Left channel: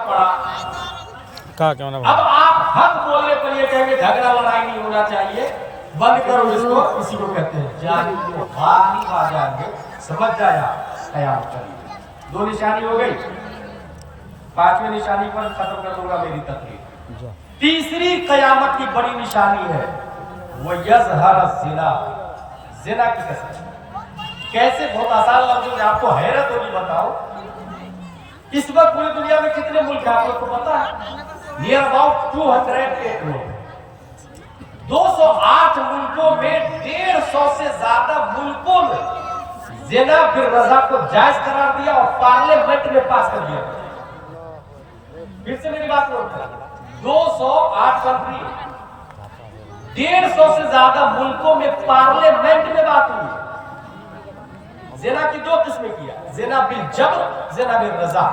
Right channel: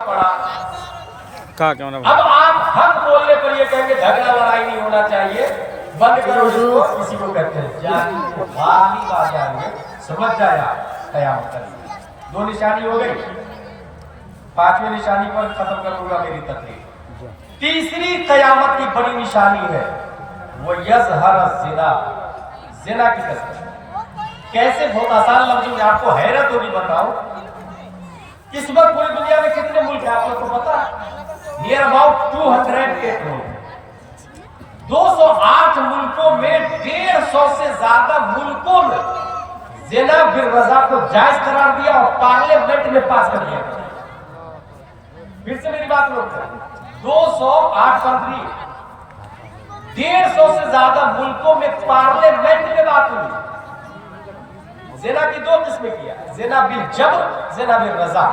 अब आप हक बोलने पर ये कहेंगे झगड़ा लड़ाई नहीं होना चाहिए, बंद करो इसको, इसी को कहते हैं जानी को बात नहीं आ जाएंगे, समझ जाया कयामत कभी। दो निशानी हो गई, पांचवें निशानी पर खत्म करूंगा मेरी तकरीर। तीसरी कयामत की बड़ी निशानी है वो यज़हर ज़िना, ज़िना की कसम। कैसे? बहुत आसान लफ्ज़ों में आपको हैरत होगी बताऊं। इस वक्त पूरी दुनिया में कितने मुल्क है आप लोग को पता है? नियर अबाउट 208 मुल्क, 208 मुल्कों में 150 से ज्यादा मुल्कों में ज़िना बिल रज़ा को जायज करार दिया और पार्लियामेंट में पास कर दिया। फिर से मेरी बात नोट करें, 208 कंट्री, 150 से ज्यादा मुल्कों में पार्लियामेंट में बात हुई। ज़िना की दो किस्में किया, ज़िना बिल जबर, ज़िना बिल रज़ा।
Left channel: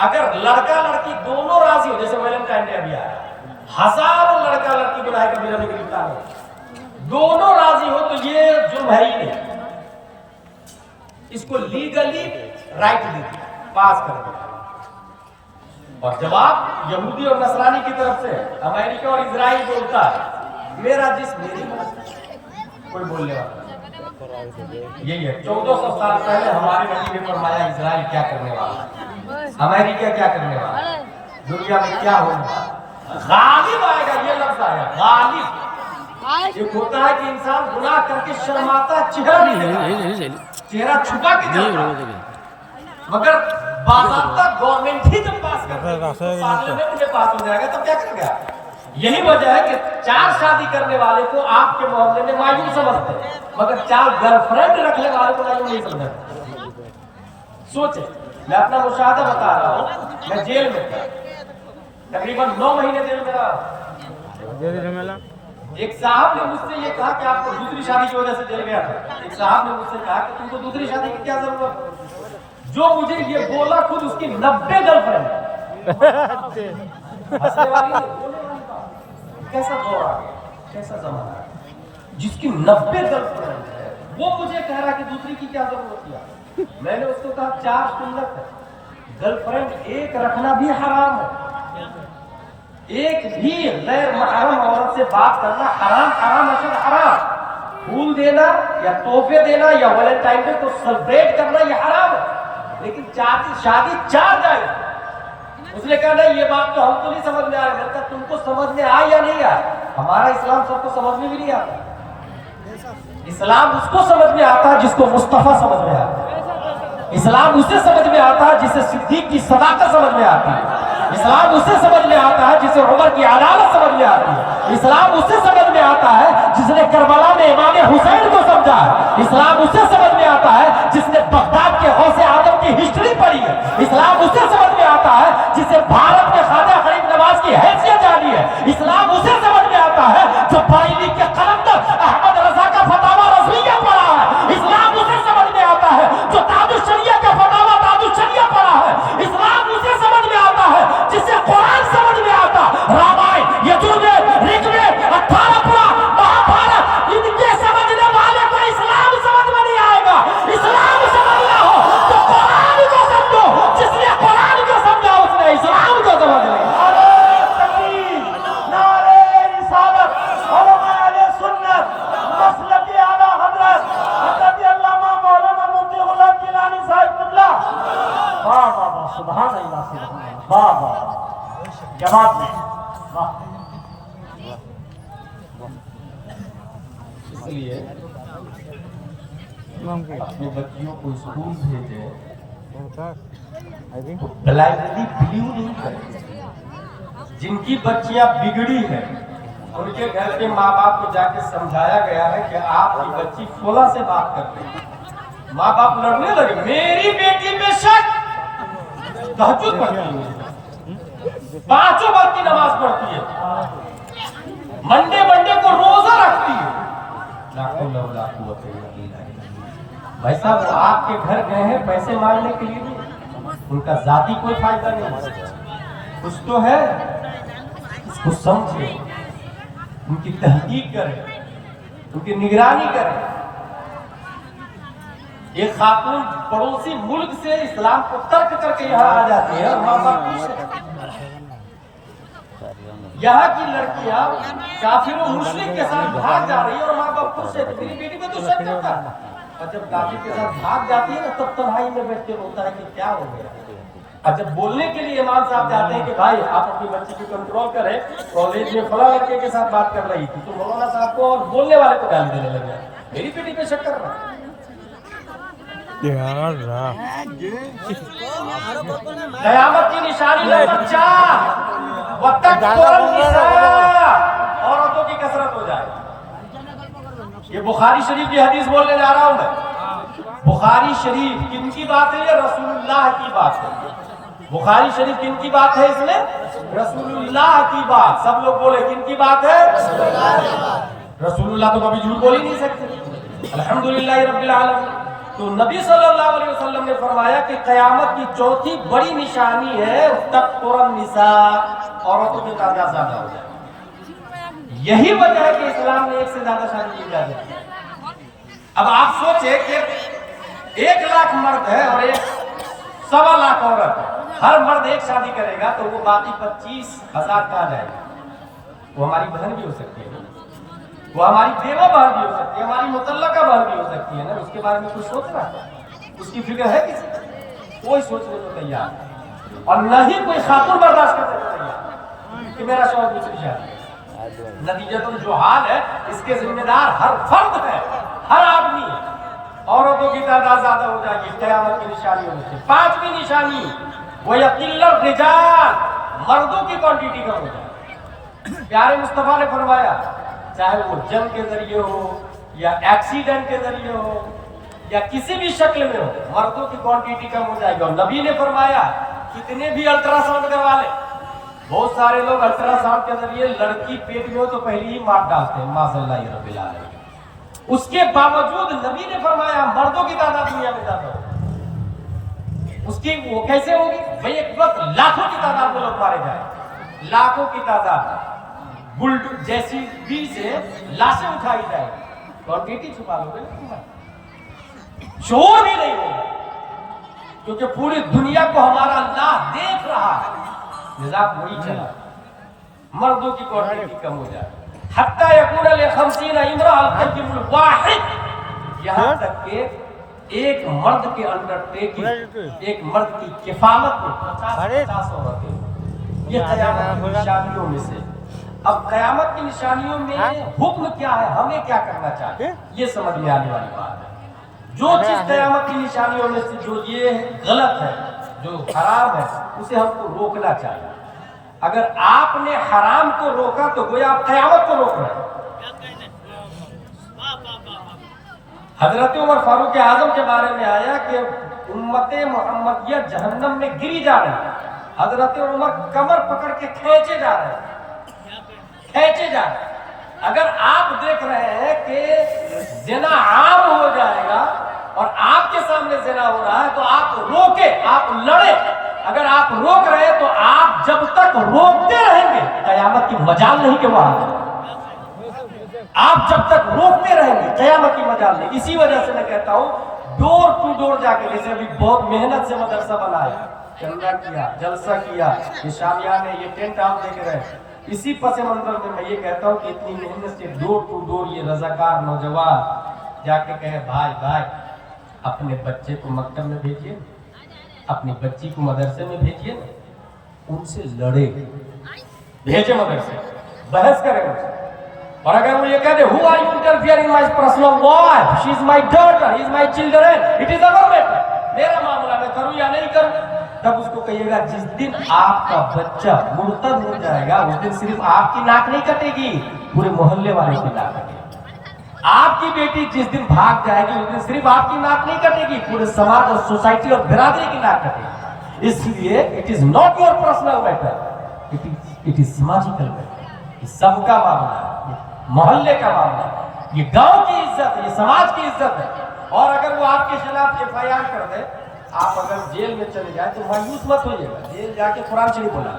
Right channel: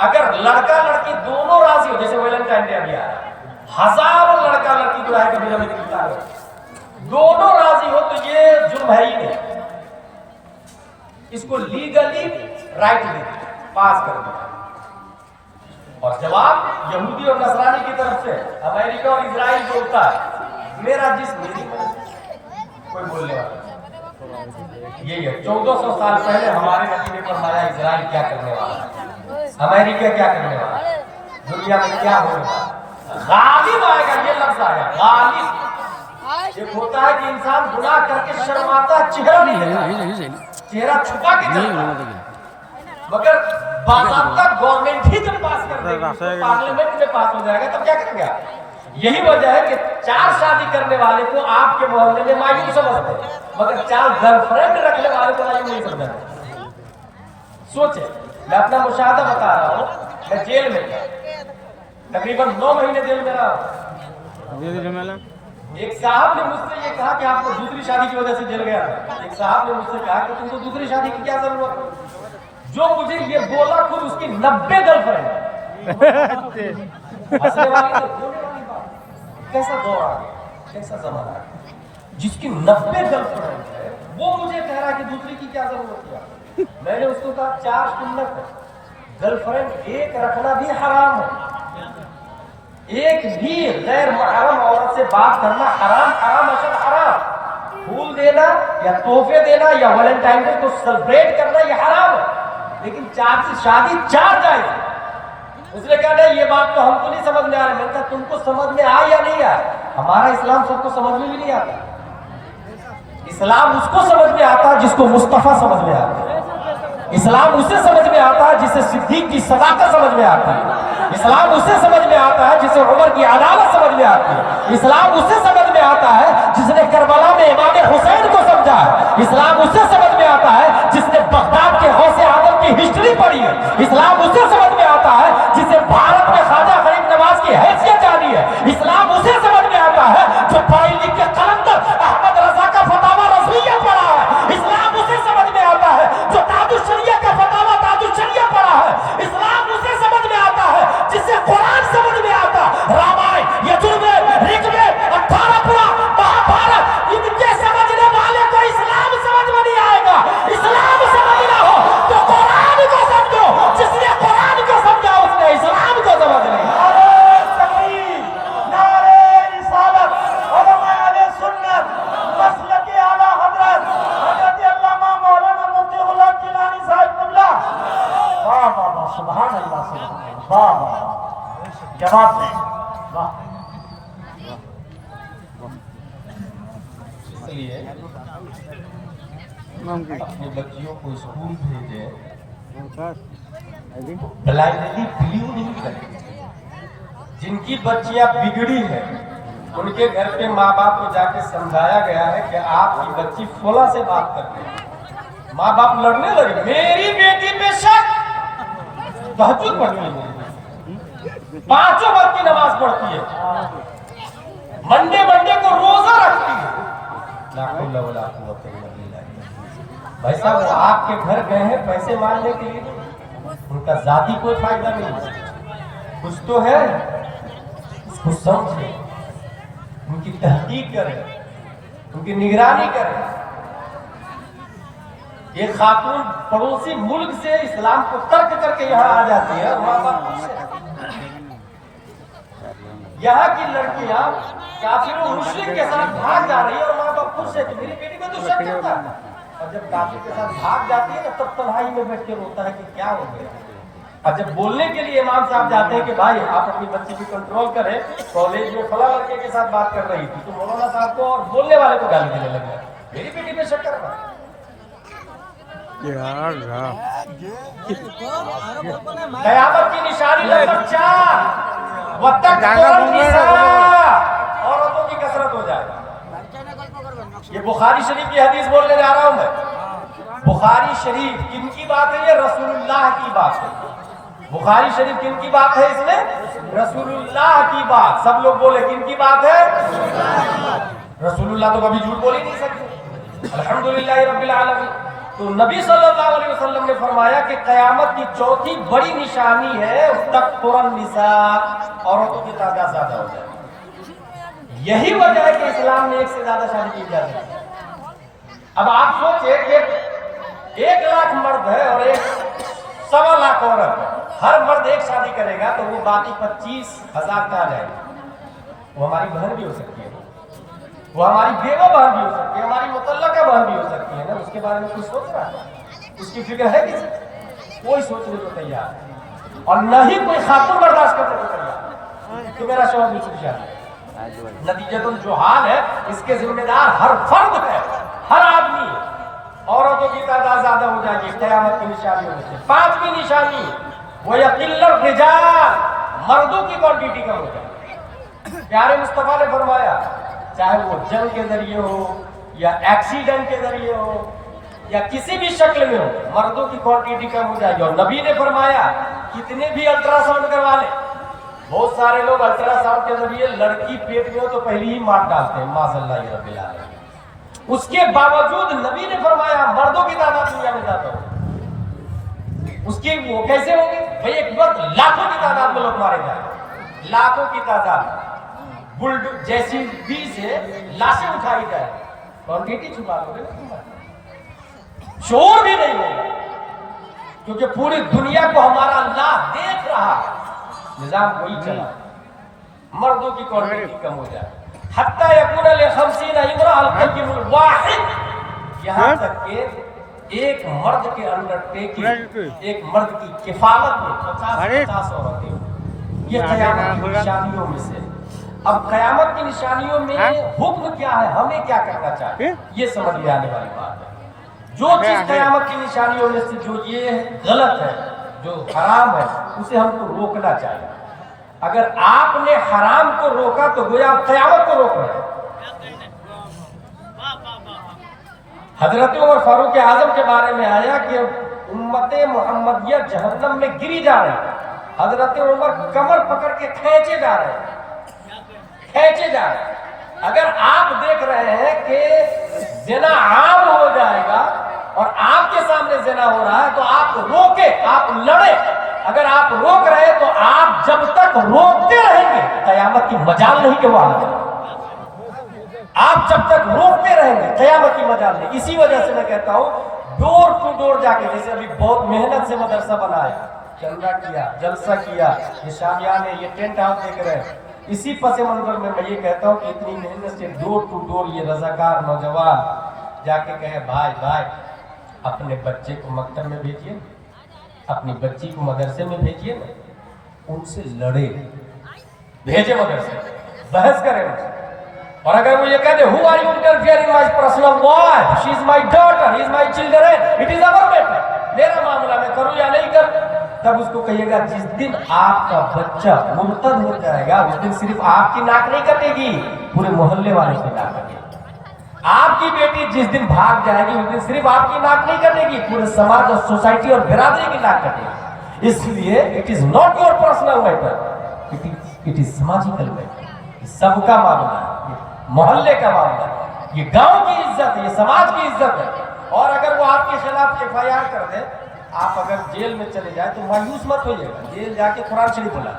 अगर लड़का लड़की दोनों राजी हो, जैसे वैलेंटाइन डे दिया, हजारों लड़का लड़की जो है दोनों राजी हो तो ये जुर्म है ही नहीं, इसको लीगली राइट दे पास कर दिया। और जवाब यहूदी और नसरानी की तरफ से अमेरिका और इजराइल बोलता है मेरा जिस्म मेरी कोई बोलने वाला यही है। 1400 साल पहले हमारे नबी ने फरमाया इजराइल क्या करने वाला है, अमेरिका क्या करने वाला है, दुनिया में क्या होगा, गालिब आएगा। ये लफ्ज आया गालिब। एक होता है कि इंसान गुनाह करके शर्माता, चेहरा छुपा के मगर बाज़ाब्ता गवर्नमेंट ही जब पास कर देगी, पार्लियामेंट में पास हो जाएगा तब क्या करेगा। यही वजह है कि 4 शादी करने वाले को आपके मोहल्ले में मायूस समझते हैं, मगर 4 गर्लफ्रेंड रखने वाले को मायूस नहीं समझते। सोचे, मैं अपना मुशाहदा बता रहा हूँ, मैं जेल में था, तकरीबन 9 महीने जेल में रहा। एक साहब ने मुझसे ये कहा कि आपको दूसरी शादी की वजह से जेल गया था। एक साहब ने मुझसे कहा कि तुमको दूसरी शादी की क्या जरूरत। जो मुझे ये बोला खुद उसकी 90 गर्लफ्रेंड। कैसा दौर आ गया, कैसा जमाना है, जिसकी 90 गर्लफ्रेंड है वो मुझे कह रहा कि दूसरी की क्या जरूरत है। मैंने उसको कहा 4 सुन्नत है, गर्लफ्रेंड एक रखना भी हराम है, एक भी गैर महरम औरत से बात करना हराम, हराम अशद हराम। फूल देना या तोहफे देना या वैलेंटाइन डे को सेलिब्रेट करना ये हराम है, लेकिन 4 से शादी 4 जायज है। उसने कहा नहीं ये बात तो हमको नहीं समझ में आ रही। मैंने कहा तुमको समझ में आए या नहीं आए, हमारा इस्लाम सबको समझ में भी नहीं आता। इस्लाम उसको समझ में आता है जिसको मुस्तफा समझ में आता है। इस्लाम उसे समझ में आता है जिसे सिद्दीक की सदाकत समझ में आती है। इस्लाम उसे समझ में आता है जिसे उमर की अदालत समझ में आती है। इस्लाम उसे समझ में आता है जिसने करबला में इमाम हुसैन को समझा है। इस्लाम उसे समझ में आता है जिसने बगदाद के गौसे आजम की हिस्ट्री पढ़ी है। इस्लाम उसे समझ में आता है जिसे भारत में ख्वाजा गरीब नवाज की हैसियत जानी है। इस्लाम उसे समझ में आता है जो पढ़ी लिख के कलंदर अहमद रजा का फतावा रज़विया पढ़ा है। इस्लाम उसे समझ में आता है जो ताजुश शरिया का फतावा ताजुश शरिया पढ़ा है। इस्लाम उसे समझ में आता है जिसे कुरान समझ में आता, रामायण यजुर्वेद ऋग्वेद 18 पुराण महाभारत, इनके समझने वाले को इस्लाम समझ में नहीं आएगा। इस्लाम समझना हो तो कुरान को समझो, जिसने कुरान को समझा उसने इस्लाम को समझ लिया। इसलिए अपने बच्चियों को स्कूल भेजे, ब्लाइंडली बिलीव नहीं करें। जिनकी बच्चियां बिगड़ी है उनके घर पे माँ बाप को जाके समझाया गया है कि आपकी बच्ची फला से बात कर रही है। माँ बाप लड़ने लगे, मेरी बेटी बेशक तहज्जुद पढ़ती है, 5 वक्त की नमाज पढ़ती है, मंडे को रोजा रखती है। भाई साहब आपके घर गए हैं पैसे मांगने के लिए नहीं, उनका जाती कोई फायदा नहीं है। कुछ तो है, इसको समझे, उनकी तहकीक करें, उनकी निगरानी करें। ये खातून पड़ोसी मुल्क से इस्लाम को तर्क करके यहाँ आ जाती है, माँ बाप یہاں کی لڑکیاں کافروں مشرک کے ساتھ بھاگ جا رہی ہیں اور ماں باپ خوش ہے کہ میری بیٹی میں تو شک کرتا ہے، اور جب کافر کے ساتھ بھاگ جاتی ہے نا تب تنہائی میں بیٹھ کے روتا ہے کہ کیا ہو گیا۔ اور جب بولنے کے لیے امام صاحب جاتے ہیں کہ بھائی آپ اپنی بچی کو کنٹرول کریں، کالج میں فلاں لڑکے کے ساتھ بات کر رہی تھی تو مولانا صاحب کو اور بولنے والے کو گالی دینے لگے، میری بیٹی پہ شک کر رہا ہے۔ قیامت کی نشانی نمبر 4، عورتوں کی کثرت ہو جائے۔ یہ بخاری شریف کی حدیث بولنے جا رہا ہوں میں۔ بخاری شریف کن کی بات ہے؟ یہ رسول اللہ کی بات ہے۔ بخاری شریف کن کی بات ہے؟ اس میں رسول اللہ کی بات۔ سب لوگ بولے کن کی بات ہے؟ رسول اللہ تو کبھی جھوٹ بول ہی نہیں سکتے۔ الحمدللہ رب العالمین۔ تو نبی صلی اللہ علیہ وسلم نے فرمایا کہ قیامت کی چوتھی بڑی نشانی ہے تکثر النساء، عورتوں کی تعداد زیادہ ہو جائے۔ یہی وجہ ہے کہ اسلام نے ایک سے زیادہ شادی کی اجازت دی۔ اب آپ سوچیں کہ 1 لاکھ مرد ہے اور 1.25 لاکھ عورت ہے، ہر مرد ایک شادی کرے گا تو وہ باقی 25,000 کہاں جائے گا؟ وہ ہماری بہن بھی ہو سکتی ہے، وہ ہماری بیوہ بہن بھی ہو سکتی ہے، ہماری متعلقہ بہن بھی ہو سکتی ہے نا۔ اس کے بارے میں کچھ سوچ رہا ہے؟ اس کی فکر ہے کسی؟ کوئی سوچنے کو تیار نہیں، اور نہ ہی کوئی خاتون برداشت کرنے کو تیار کہ میرا شوہر دوسری شادی۔ نتیجتاً جو حال ہے اس کے ذمہ دار ہر فرد ہے، ہر آدمی ہے۔ عورتوں کی تعداد زیادہ ہو جائے گی قیامت کی نشانی میں سے۔ 5ویں نشانی وَيَقِلَّ الرِّجَالُ، مردوں کی کوانٹیٹی کم ہو جائے۔ پیارے مصطفیٰ نے فرمایا چاہے وہ جنگ کے ذریعے ہو یا ایکسیڈنٹ کے ذریعے ہو یا کسی بھی شکل میں ہو، مردوں کی کوانٹیٹی کم ہو جائے گی۔ اور نبی نے فرمایا کتنے بھی الٹرا ساؤنڈ کروا لیں، بہت سارے لوگ الٹرا ساؤنڈ کے ذریعے لڑکی پیٹ میں ہو تو پہلے ہی مار ڈالتے ہیں، معاذ اللہ رب العالمین۔ اس کے باوجود نبی نے فرمایا مردوں کی تعداد دنیا میں زیادہ ہو۔ اس کی وہ کیسے ہوگی؟ بھئی ایک وقت لاکھوں کی تعداد میں لوگ مارے جائیں، لاکھوں کی تعداد بلڈ جیسی بھی سے لاشیں اٹھائی جائیں، کوانٹیٹی چھپا لو گے نا، شعور بھی نہیں ہوگا، کیونکہ پوری دنیا کو ہمارا اللہ دیکھ رہا ہے۔ نظام وہی چلا، مردوں کی کوانٹیٹی کم ہو جائے۔ حتی یکون ل50 امرأۃ القیم الواحد، یہاں تک کہ ایک مرد کے انڈر ٹیکنگ، ایک مرد کی کفالت میں 50 عورتیں۔ یہ قیامت کی نشانیوں میں سے۔ اب قیامت کی نشانیوں میں حکم کیا ہے، ہمیں کیا کرنا چاہیے، یہ سمجھ میں آنے والی بات ہے۔ جو چیز قیامت کی نشانیوں میں سے جو یہ غلط ہے، جو حرام ہے، اسے ہم کو روکنا چاہیے۔ اگر آپ نے حرام کو روکا تو گویا آپ قیامت کو روک رہے ہیں۔ حضرت عمر فاروق اعظم کے بارے میں آیا کہ امت محمدیہ جہنم میں گری جا رہی ہے، حضرت عمر کمر پکڑ کے کھینچے جا رہے ہیں۔ اگر آپ دیکھ رہے ہیں کہ زنا عام ہو جائے گا اور آپ کے سامنے زنا ہو رہا ہے تو آپ روکے، آپ لڑے۔ اگر آپ روک رہے تو آپ جب تک روکتے رہیں گے قیامت کی مجال نہیں کہ وہ آ جائے۔ آپ جب تک روکتے رہیں گے قیامت کی مجال نہیں۔ اسی وجہ سے میں کہتا ہوں ڈور ٹو ڈور جا کے، جیسے ابھی بہت محنت سے مدرسہ بنایا، چندہ کیا، جلسہ کیا، یہ شامیان ہے، یہ ٹینٹ آپ دیکھ رہے ہیں، اسی پس منظر میں میں یہ کہتا ہوں کہ اتنی محنت سے ڈور ٹو ڈور یہ رضاکار نوجوان جا کے کہے بھائی اپنے بچے کو مکتب میں بھیجیے، اپنی بچی کو مدرسے میں بھیجیے نا، ان سے لڑے، بھیجے مدرسے، بحث کرے گا۔ اور اگر وہ یہ کہہ دے who are you interfering in my personal life, she is my daughter, he is my children, it is our matter، میرا معاملہ میں کروں یا نہیں کروں، تب اس کو کہیے گا جس دن آپ کا بچہ مرتد ہو جائے گا اس دن صرف آپ کی ناک نہیں کٹے گی، پورے محلے والوں کی ناک کٹے گی۔ آپ کی بیٹی جس دن بھاگ جائے گی اس دن صرف آپ کی ناک نہیں کٹے گی، پورے سماج اور سوسائٹی اور برادری کی ناک کٹے گی۔ اس لیے it is not your personal matter, it is سماجیکل میٹر، یہ سب کا معاملہ ہے، محلے کا معاملہ ہے، یہ گاؤں کی عزت ہے، یہ سماج کی عزت ہے۔ اور اگر وہ آپ کے خلاف FIR کر دے، آپ اگر جیل میں چلے جائے تو مایوس مت ہوئیے گا، جیل جا کے قرآن شریف بولا،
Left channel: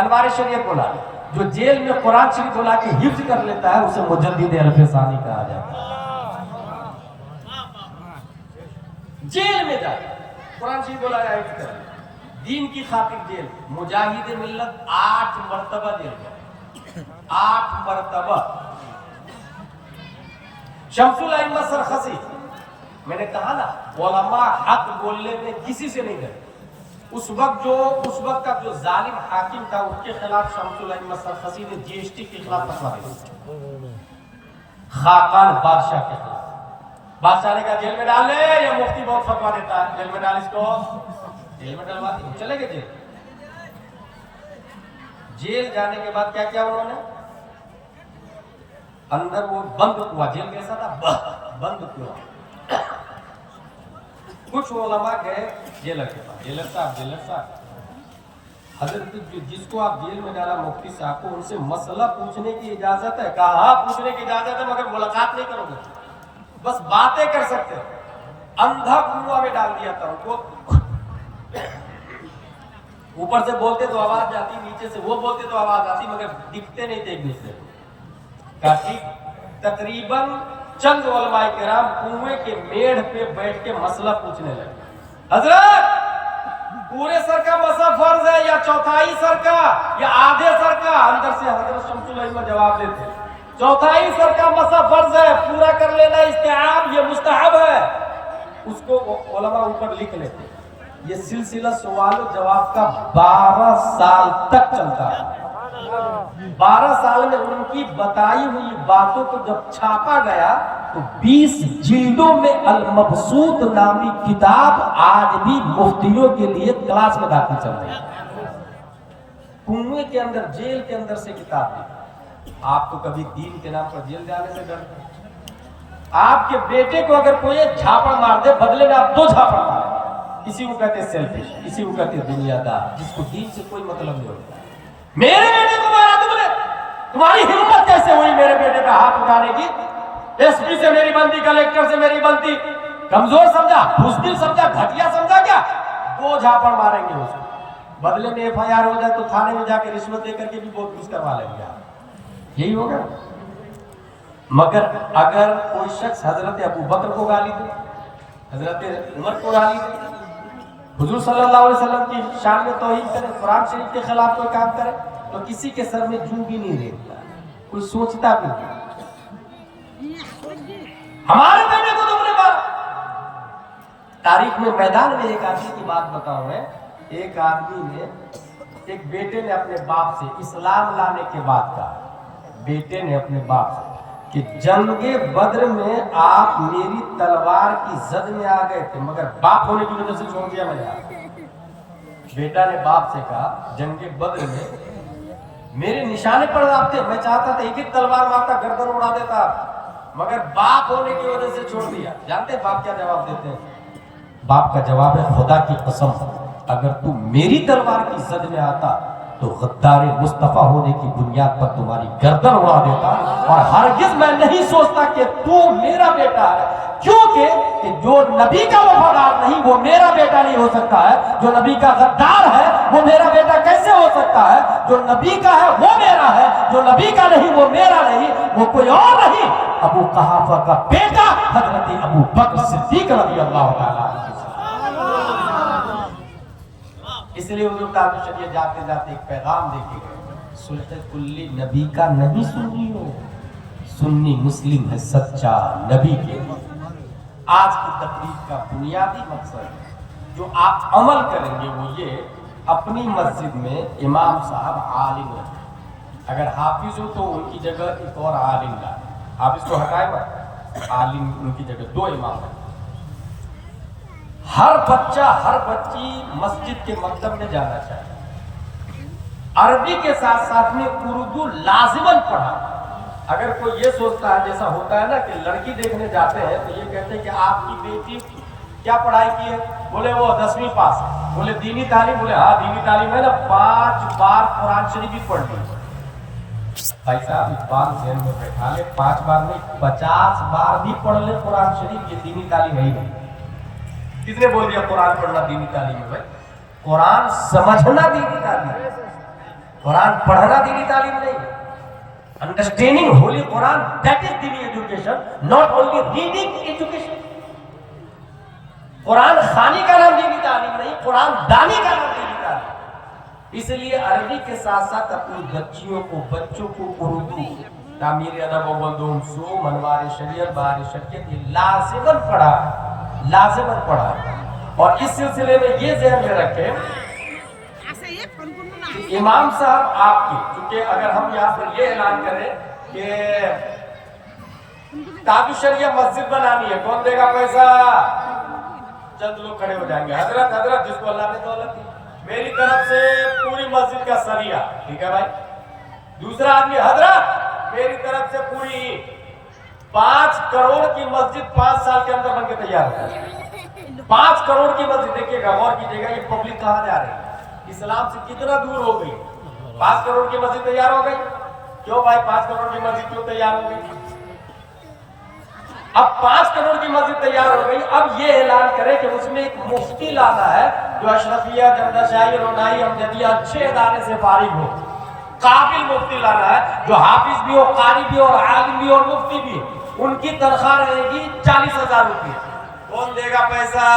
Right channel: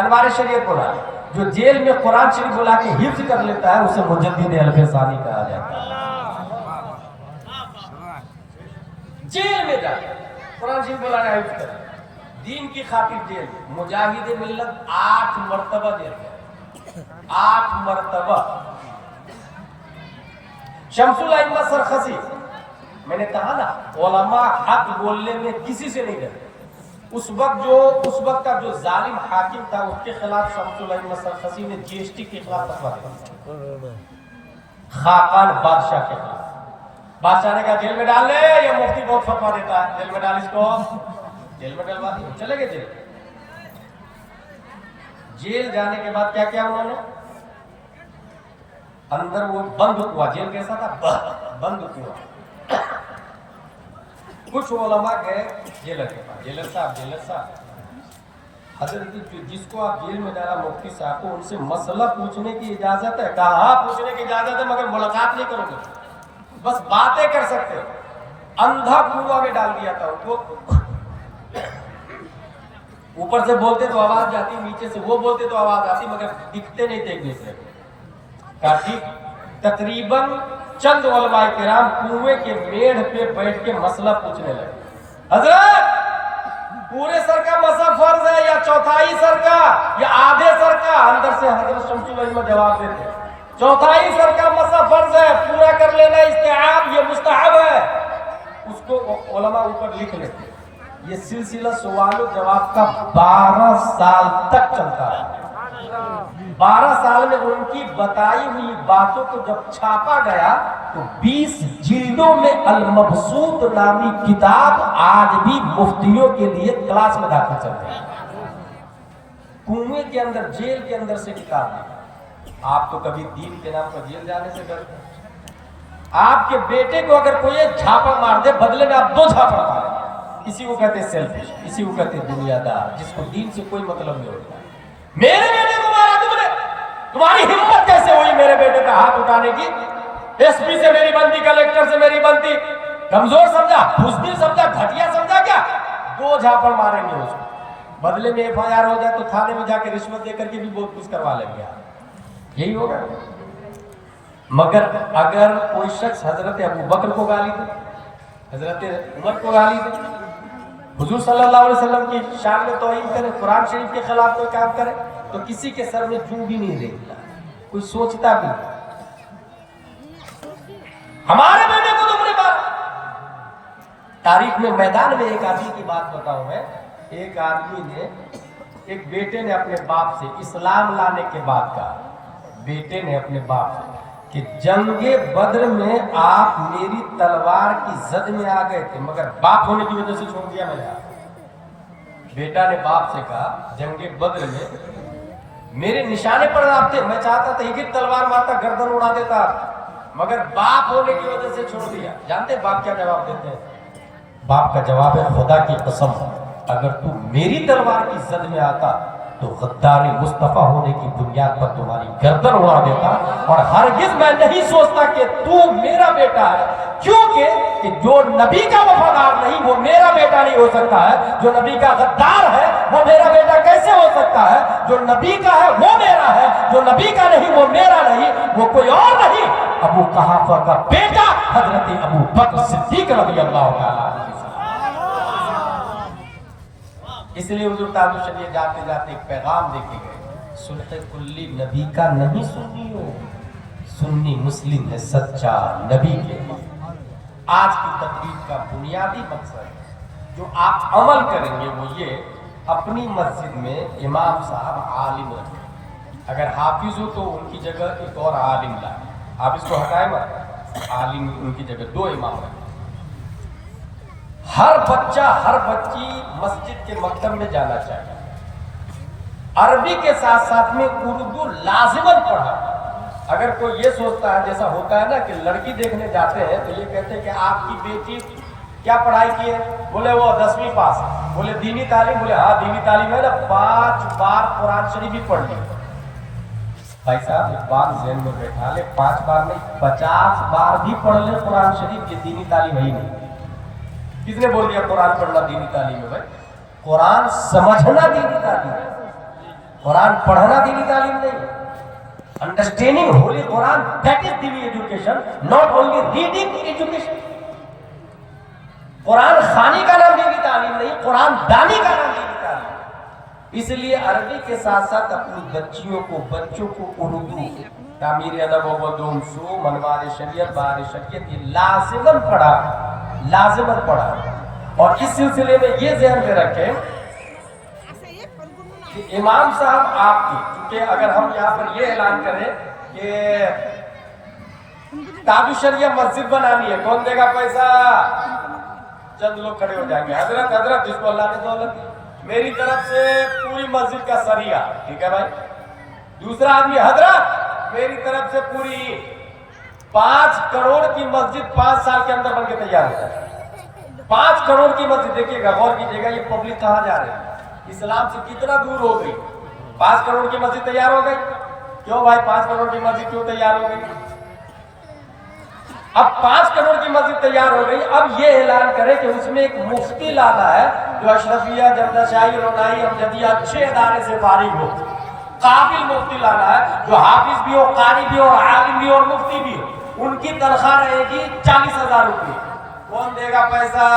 انوار شریعت بولا۔ جو جیل میں قرآن شریف بولا کے حفظ کر لیتا ہے اسے مجدد الف ثانی کہا جاتا ہے۔ جیل میں جا قرآن شریف بولا حفظ کر، دین کی خاطر جیل، مجاہد ملت 8 مرتبہ جیل گئے، 8 मरतबा। शम्सुल अइम्मा सरखसी, मैंने कहा ना उलमा हक बोलने में किसी से नहीं डरते। उस वक्त का जो जालिम हाकिम था उसके खिलाफ शम्सुल अइम्मा सरखसी ने जीएसटी के खिलाफ फतवा दिया, खाकान बादशाह के खिलाफ। बादशाह ने कहा जेल में डाल ले, ये मुफ्ती बहुत फतवा देता है, जेल में डाल इसको, जेल में डलवा दिया, चले गए जेल। जेल जाने के बाद क्या किया उन्होंने, अंदर वो बंद कुआ, जेल कैसा था, बंद कुआ। कुछ उलमा गए जेलर के पास, जेलर साहब हजरत जिसको आप जेल में डाला मुफ्ती साहब को, उनसे मसला पूछने की इजाजत है? कहा हाँ पूछने की इजाजत है, मगर मुलाकात नहीं करूंगा, बस बातें कर सकते। अंधा कुआं में डाल दिया था उनको। ऊपर से बोलते तो आवाज जाती, नीचे से वो बोलते तो आवाज आती, मगर दिखते नहीं थे एक दूसरे को। काफी तकरीबन चंद उलमाए किराम कुएं के मेढ़ पे बैठ के मसला पूछने लगे। हजरत पूरे सर का मसला फर्ज है या चौथाई सर का या आधे सर का? अंदर से हजरत शम्सुल अइम्मा जवाब देते चौथाई सर का मसला फर्ज है, पूरा कर लेना इस्तेआब, ये मुस्तहब है। उसको उलमा ऊपर लिख लेते। ये सिलसिला सवाल जवाब का 12 साल तक चलता है। 12 साल में उनकी बताई हुई बातों को जब छापा गया तो 20 जिल्दों में अल-मबसूत नामी किताब आज भी मुफ्तियों के लिए क्लास में दाखिल चल रही है। कुएं के अंदर, जेल के अंदर से किताब है। आप तो कभी दीन के नाम पर जेल जाने से डरते? आपके बेटे को अगर कोई झापड़ मार दे, बदले में आप 2 झापड़ मारें। किसी को कहते सेल्फिश, किसी को कहते दुनियादार, जिसको दीन से कोई मतलब नहीं होता। मेरे बेटे को मारा तुमने, तुम्हारी हिम्मत कैसे हुई मेरे बेटे का हाथ उठाने की? एसपी से मेरी बनती, कलेक्टर से मेरी बनती, कमजोर समझा, बुज़दिल समझा, घटिया समझा क्या? 2 झापड़ मारेंगे उसको, बदले में एफआईआर हो जाए तो थाने में जाके रिश्वत देकर के भी बहुत कुछ करवा लेंगे आप। यही होगा। मगर अगर कोई शख्स हजरत अबू बकर को गाली दे, हजरत उमर को गाली दे, हुजूर सल्लल्लाहु अलैहि वसल्लम की शान में तौहीन करे, कुरान शरीफ के खिलाफ कोई काम करे, तो किसी के सर में जूं भी नहीं रहेगा, कोई सोचता भी नहीं। हमारे बेटे को तुमने मारा। तारीख में मैदान में एक आदमी की बात बताऊं मैं। एक आदमी ने, एक बेटे ने अपने बाप से इस्लाम लाने के बाद कहा, बेटे ने अपने बाप से कि जंगे बद्र में आप मेरी तलवार की जद में आ गए थे, मगर बाप होने की वजह से छोड़ दिया मैंने। बेटा ने बाप से कहा जंगे बद्र में मेरे निशाने पर आप थे, मैं चाहता था एक ही तलवार मारता, गर्दन उड़ा देता, मगर बाप होने की वजह से छोड़ दिया। जानते हैं बाप क्या जवाब देते हैं? बाप का जवाब है खुदा की कसम, अगर तू मेरी तलवार की जद में आता तो गद्दारी मुस्तफा होने की बुनियाद पर तुम्हारी गर्दन उड़ा देता, और हरगिज मैं नहीं सोचता कि तू मेरा बेटा है, क्योंकि कि जो नबी का वफादार नहीं वो मेरा बेटा नहीं हो सकता है, जो नबी का गद्दार है वो मेरा बेटा कैसे हो सकता है? जो नबी का है वो मेरा है, जो नबी का नहीं वो मेरा नहीं, वो कोई और नहीं, अबू कहाफा का बेटा हजरत अबू बकर सिद्दीक रज़ियल्लाहु ताला। इसलिए हुजूर ताजुल शरीयत जाते जाते एक पैगाम देके गए, सुन्नत कुल्ली नबी का नहीं सुन्नी हो, सुन्नी मुस्लिम है सच्चा नबी के। आज की तकरीर का बुनियादी मकसद जो आप अमल करेंगे वो ये, अपनी मस्जिद में इमाम साहब आलिम रखें, अगर हाफिज हो तो उनकी जगह एक और आलिम लाए, हाफिज को हटाए मत, आलिम उनकी जगह 2 इमाम है। हर बच्चा हर बच्ची मस्जिद के मकतब में जाना चाहिए, अरबी के साथ साथ में उर्दू लाजिमन पढ़ा। अगर कोई ये सोचता है, जैसा होता है ना कि लड़की देखने जाते हैं तो ये कहते हैं कि आपकी बेटी क्या पढ़ाई की है, बोले वो 10वीं पास है, बोले दीनी तालीम, बोले हाँ दीनी तालीम है ना, 5 बार कुरान शरीफ भी पढ़ ली। भाई साहब इस बात ज़हन में बैठा ले, 5 बार नहीं 50 बार भी पढ़ ले कुरान शरीफ, ये दीनी तालीम है ही नहीं। किसने बोल दिया कुरान पढ़ना दीनी तालीम है? भाई कुरान समझना दीनी तालीम है, कुरान पढ़ना दीनी तालीम नहीं। Understanding holy Quran, that is दीनी education, not only reading education. Quran खानी का नाम दीनी तालीम नहीं, कुरान दानी का नाम दीनी तालीम। اس لیے عربی کے ساتھ ساتھ اپنی بچوں کو اردو تعمیر ادب و علوم منوار شریعت بہار شریعت یہ لازماً پڑھا. اور اس سلسلے میں یہ ذہن میں رکھیں کہ امام صاحب آپ کی، کیونکہ اگر ہم یہاں پر یہ اعلان کریں کہ تاج الشریعہ مسجد بنانی ہے، کون دے گا پیسہ؟ چند لوگ کھڑے ہو جائیں گے، حضرت جس کو اللہ نے دولت دی میری طرف سے پوری مسجد کا سریہ، ٹھیک ہے بھائی. دوسرا آدمی، حضرت میری طرف سے پوری 5 کروڑ کی مسجد 5 سال کے اندر بن کے تیار ہو جائے. 5 کروڑ کی مسجد، دیکھیے گا، غور کیجیے گا، یہ پبلک کہاں جا رہی ہے، اسلام سے کتنا دور ہو گئی. 5 کروڑ کی مسجد تیار ہو گئی. کیوں بھائی 5 کروڑ کی مسجد کیوں تیار ہو گئی؟ اب 5 کروڑ کی مسجد تیار ہو گئی، اب یہ اعلان کرے کہ اس میں ایک مفتی لانا ہے جو اشرفیہ، جمدشاہی، رونائی، امجدیہ اچھے ادارے سے فارغ ہو. قابل مفتی لانا ہے جو حافظ بھی ہو، قاری بھی ہو، عالم بھی ہو اور مفتی بھی ہو. ان کی تنخواہ رہے گی 40,000 روپے. کون دے گا پیسہ؟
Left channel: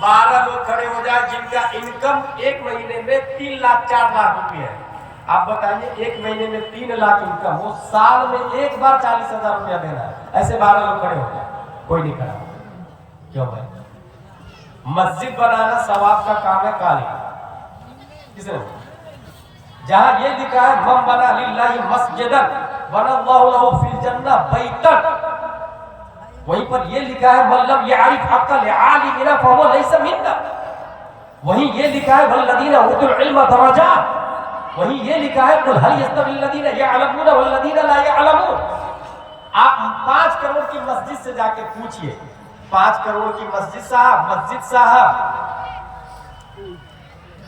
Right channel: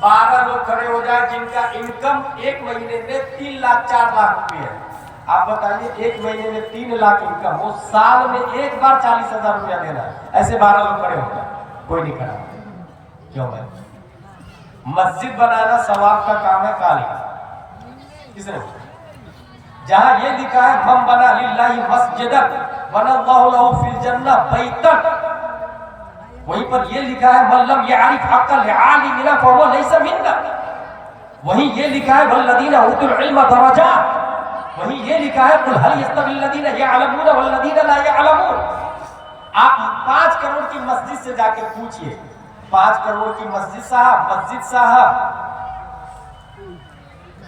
12 لوگ کھڑے ہو جائے جن کا انکم ایک مہینے میں 3 لاکھ 4 لاکھ روپے ہے. آپ بتائیے ایک مہینے میں 3 لاکھ انکم ہو، سال میں ایک بار 40,000 روپیہ دینا ہے. ایسے 12 لوگ کھڑے ہو جائے، کوئی نہیں کھڑا. کیوں بھائی؟ مسجد بنانا ثواب کا کام ہے، کالی کس نے؟ جہاں یہ لکھا ہے من بنا للہ مسجدا بنا اللہ لہ فی الجنہ بیتا، وہیں پر یہ لکھا ہے من لم یعرف حق العالمین فهو لیس منا. وہیں یہ لکھا ہے والذین اوتوا العلم درجات. وہیں یہ لکھا ہے قل هل یستوی الذین یعلمون والذین لا یعلمون. آپ 5 کروڑ کی مسجد سے جا کے پوچھئے، 5 کروڑ کی مسجد صاحب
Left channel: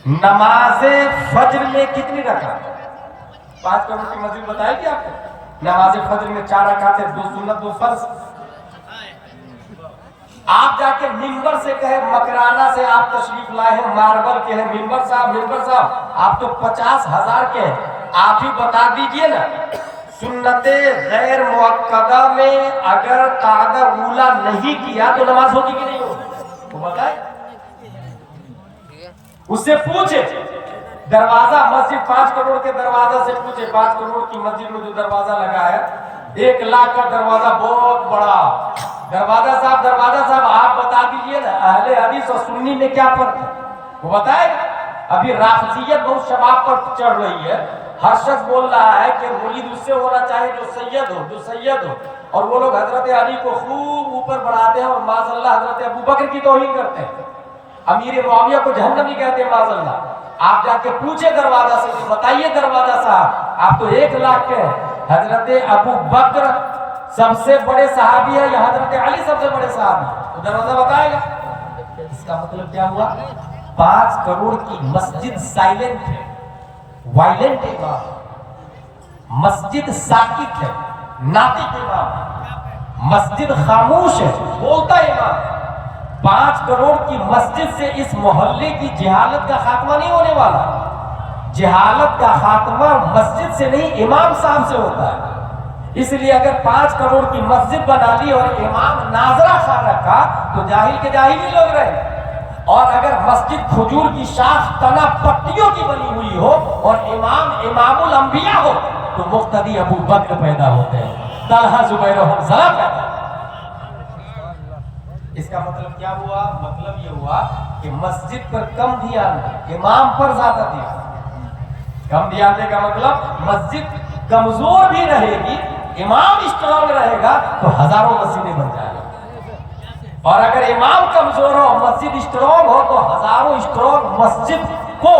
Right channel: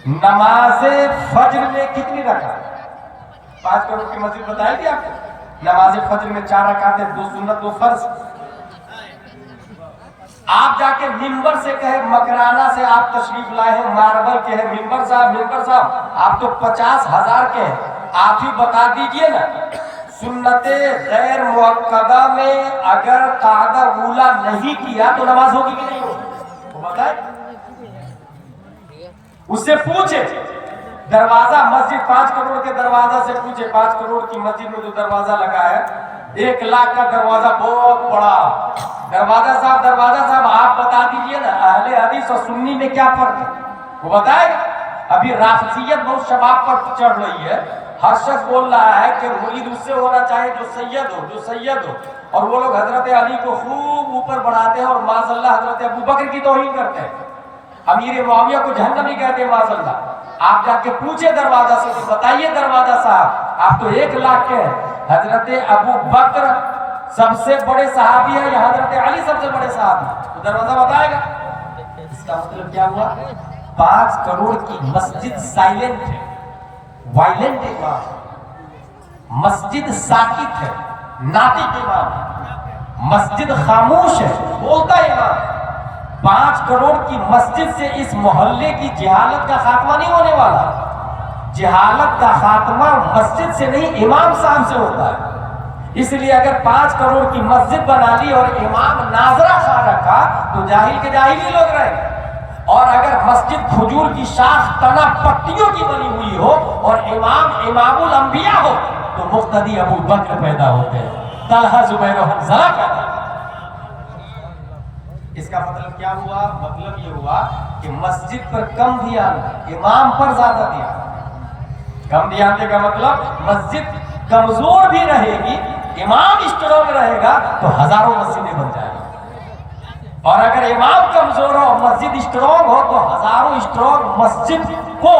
نماز فجر میں کتنی رکعت؟ 5 کروڑ کی مسجد بتائی تھی آپ کو. نماز فجر میں 4 رکعتیں، 2 سنت 2 فرض. آپ جا کے ممبر سے کہے، مکرانہ سے آپ تشریف لائے ہیں، ماربل کے ہیں، ممبر صاحب آپ تو 50,000 کے ہیں، آپ ہی بتا دیجئے نا سنت غیر مؤکدہ میں اگر قاعدہ اولا نہیں کیا تو نماز ہوگی کہ نہیں ہوگی؟ وہ بتائے. اس سے پوچھے دروازہ مسجد 5 کروڑ کے دروازہ سے پوچھے. 5 کروڑ کی مسجد میں جو دروازہ لگا ہے 1 لاکھ کا دروازہ، بہت بڑا دروازہ صاحب آپ بتا دیجئے نا اہل حدیث اور سنی میں کیا فرق ہے؟ وہ بتائے. ابھی رافضیت بہت شباب پر چڑھ رہی ہے. ہر شخص بول رہا ہے کہ مرید اس سے ہونا چاہے جو سید ہو اور وہ لوگ حضرت علی کو خوب اوپر بڑھاتے ہیں اور معاذ اللہ حضرت ابو بکر کی توہین کرتے ہیں، امیر معاویہ کو جہنمی کہتے ہیں معاذ اللہ. آپ جا کے پوچھے دروازہ سے کہ بتائیے دروازہ صاحب آپ تو 1 لاکھ کے ہیں، حضرت ابو بکر سب سے بڑے صحابی ہے یا حضرت علی سب سے بڑے صحابی ہے؟ تو دروازہ بتائے گا. اس کا مطلب کیا ہوا؟ 5 کروڑ کی مسجد سائلنٹ ہے، وائلنٹ امام ہے. مسجد ساکت ہے، ناطق امام ہے. مسجد خاموش ہے، بولتا امام ہے. 5 کروڑ کی مسجد سے اس محلے کی جہالت کا خاتمہ نہیں ہونے والا. جہالت کا خاتمہ مسجد سے نہیں امام صاحب سے ہوتا ہے. اس لیے اگر 5 کروڑ کی مسجد بنا لی اور امام ناظرہ خواہ رکھا تو جاہل کے جاہل ہی لوگ رہے. اور اگر مسجد کھجور کی شاخ تنا پتیوں کی بنی ہوئی ہو اور امام الانبیاء ہو تو مقتدی ابو بکر پیدا ہوتے ہیں، طلحہ زبیر و حنظلہ پیدا ہوتے ہیں. اس کا مطلب کیا ہوا؟ مطلب یہ ہوا کہ مسجد پر کم دھیان دے، امام پر زیادہ دھیان دے. کم دھیان دے کا مطلب مسجد کمزور بھی رہے گی، امام اسٹرانگ رہے گا تو ہزاروں مسجدیں بن جائیں گی. اور اگر امام کمزور ہو مسجد اسٹرانگ ہو تو ہزاروں اسٹرانگ مسجد کو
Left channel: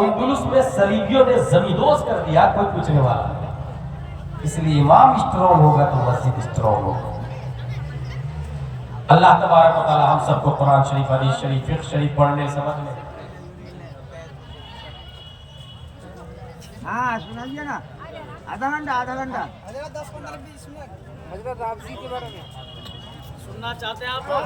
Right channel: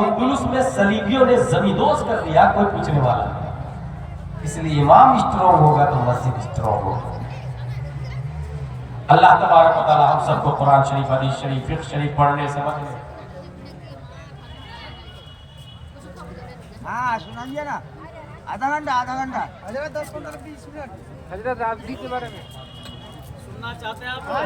اندلس میں صلیبیوں نے زمیندوز کر دیا، کوئی پوچھنے والا نہیں. اس لیے امام اسٹرانگ ہوگا تو مسجد اسٹرانگ ہوگا. اللہ تبارک و تعالی ہم سب کو قرآن شریف، حدیث شریف، فقہ شریف پڑھنے سمجھنے. ہاں سنائیے نا، آدھا گھنٹہ حضرت 10-15-20 منٹ حضرت آپ جی کے بارے میں سننا چاہتے ہیں آپ لوگ؟